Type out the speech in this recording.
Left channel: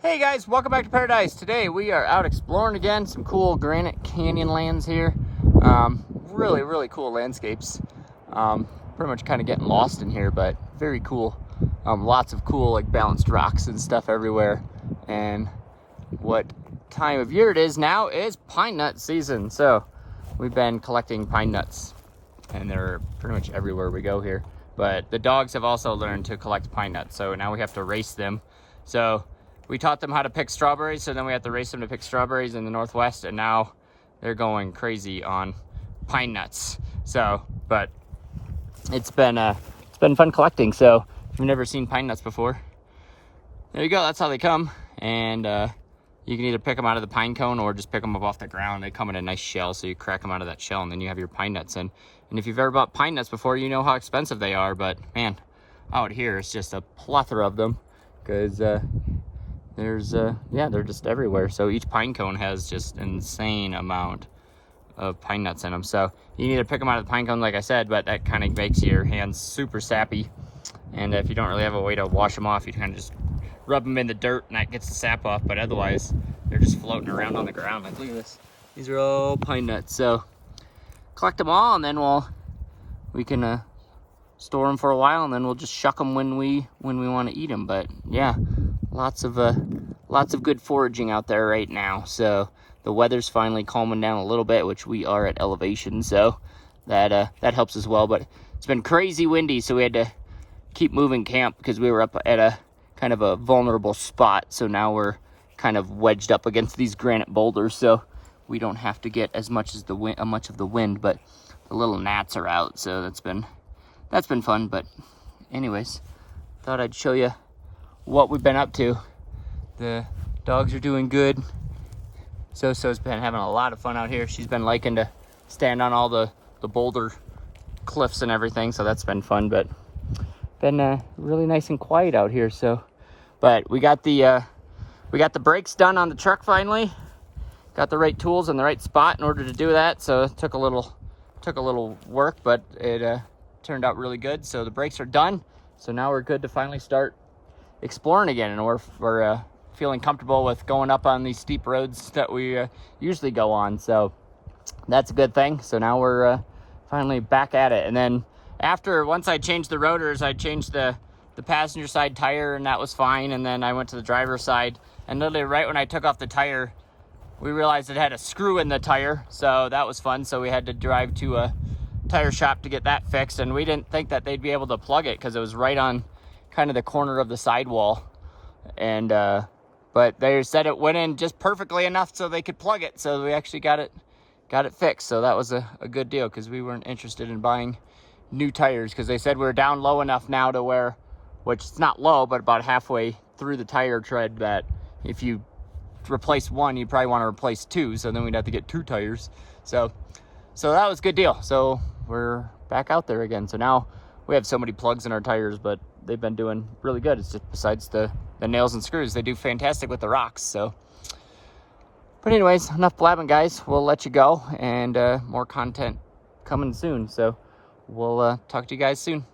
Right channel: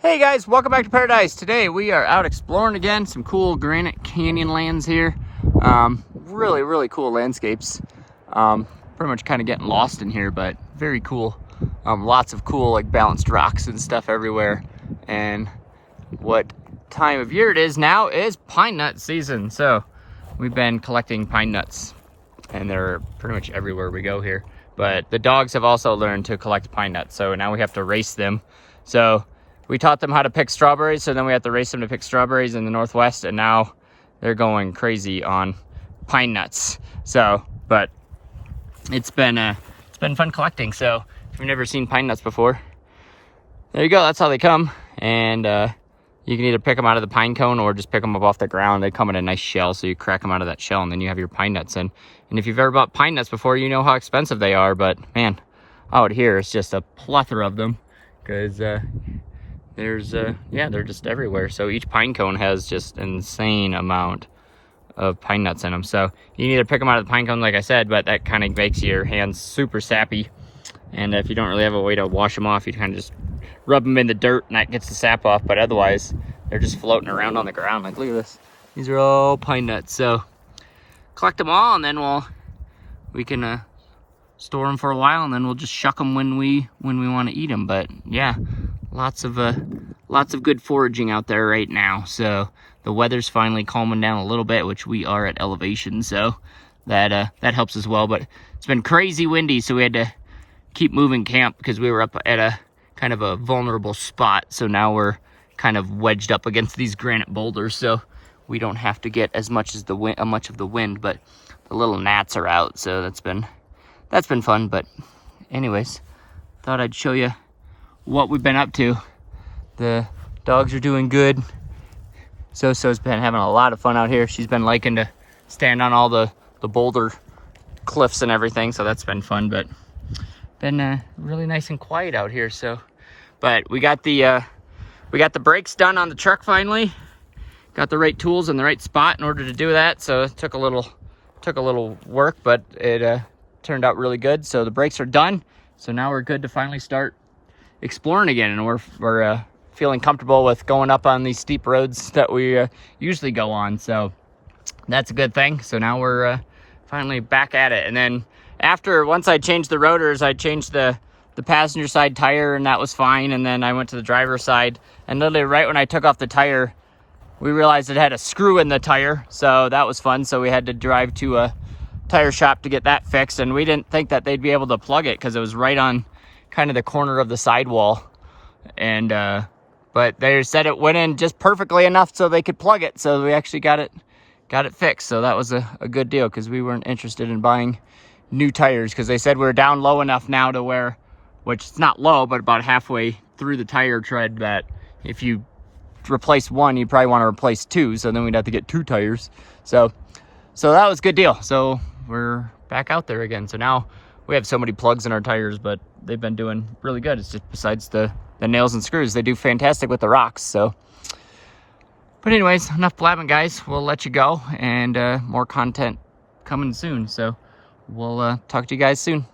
Hey guys, welcome back to Paradise. Today we are out exploring again, some cool granite canyon lands here. Really cool landscapes. Pretty much kind of getting lost in here, but very cool. Lots of cool like balanced rocks and stuff everywhere. And what time of year it is now is pine nut season. So we've been collecting pine nuts and they're pretty much everywhere we go here. But the dogs have also learned to collect pine nuts, so now we have to race them. So we taught them how to pick strawberries, so then we have to race them to pick strawberries in the Northwest, and now they're going crazy on pine nuts. So, but it's been fun collecting. So if you've never seen pine nuts before, there you go. That's how they come, and you can either pick them out of the pine cone or just pick them up off the ground. They come in a nice shell, so you crack them out of that shell, and then you have your pine nuts. And if you've ever bought pine nuts before, you know how expensive they are. But man, out here it's just a plethora of them, because they're just everywhere. So each pine cone has just insane amount of pine nuts in them. So you can either pick them out of the pine cone, like I said, but that kind of makes your hands super sappy. And if you don't really have a way to wash them off, you kind of just rub them in the dirt and that gets the sap off. But otherwise, they're just floating around on the ground. Like, look at this. These are all pine nuts. So collect them all, and then we can store them for a while, and then we'll just shuck them when we want to eat them. But yeah, lots of good foraging out there right now. So the weather's finally calming down a little bit, which we are at elevation, so that helps as well. But it's been crazy windy, so we had to keep moving camp because we were up at a kind of a vulnerable spot. So now we're kind of wedged up against these granite boulders, so we don't have to get as much of the wind, but the little gnats are out, so that's been fun. But anyways, thought I'd show you what we've been up to. The dogs are doing good. So-So's been having a lot of fun out here. She's been liking to stand on all the boulder cliffs and everything, so that's been fun. But been really nice and quiet out here. So, but we got the brakes done on the truck finally. Got the right tools in the right spot in order to do that. So it took a little work, but it turned out really good. So the brakes are done. So now we're good to finally start exploring again, and we're feeling comfortable with going up on these steep roads that we usually go on. So that's a good thing. So now we're finally back at it. And then once I changed the rotors, I changed the passenger side tire, and that was fine. And then I went to the driver's side, and literally right when I took off the tire, we realized it had a screw in the tire. So that was fun. So we had to drive to a tire shop to get that fixed, and we didn't think that they'd be able to plug it because it was right on kind of the corner of the sidewall. And but they said it went in just perfectly enough so they could plug it. So we actually got it fixed. So that was a good deal, because we weren't interested in buying new tires, because they said we were down low enough now to where, which is not low, but about halfway through the tire tread, that if you replace one, you probably want to replace two. So then we'd have to get two tires. So that was a good deal. So we're back out there again. So now we have so many plugs in our tires, but they've been doing really good. It's just besides the nails and screws, they do fantastic with the rocks. So, but anyways, enough blabbing, guys. We'll let you go, and more content coming soon. So we'll talk to you guys soon.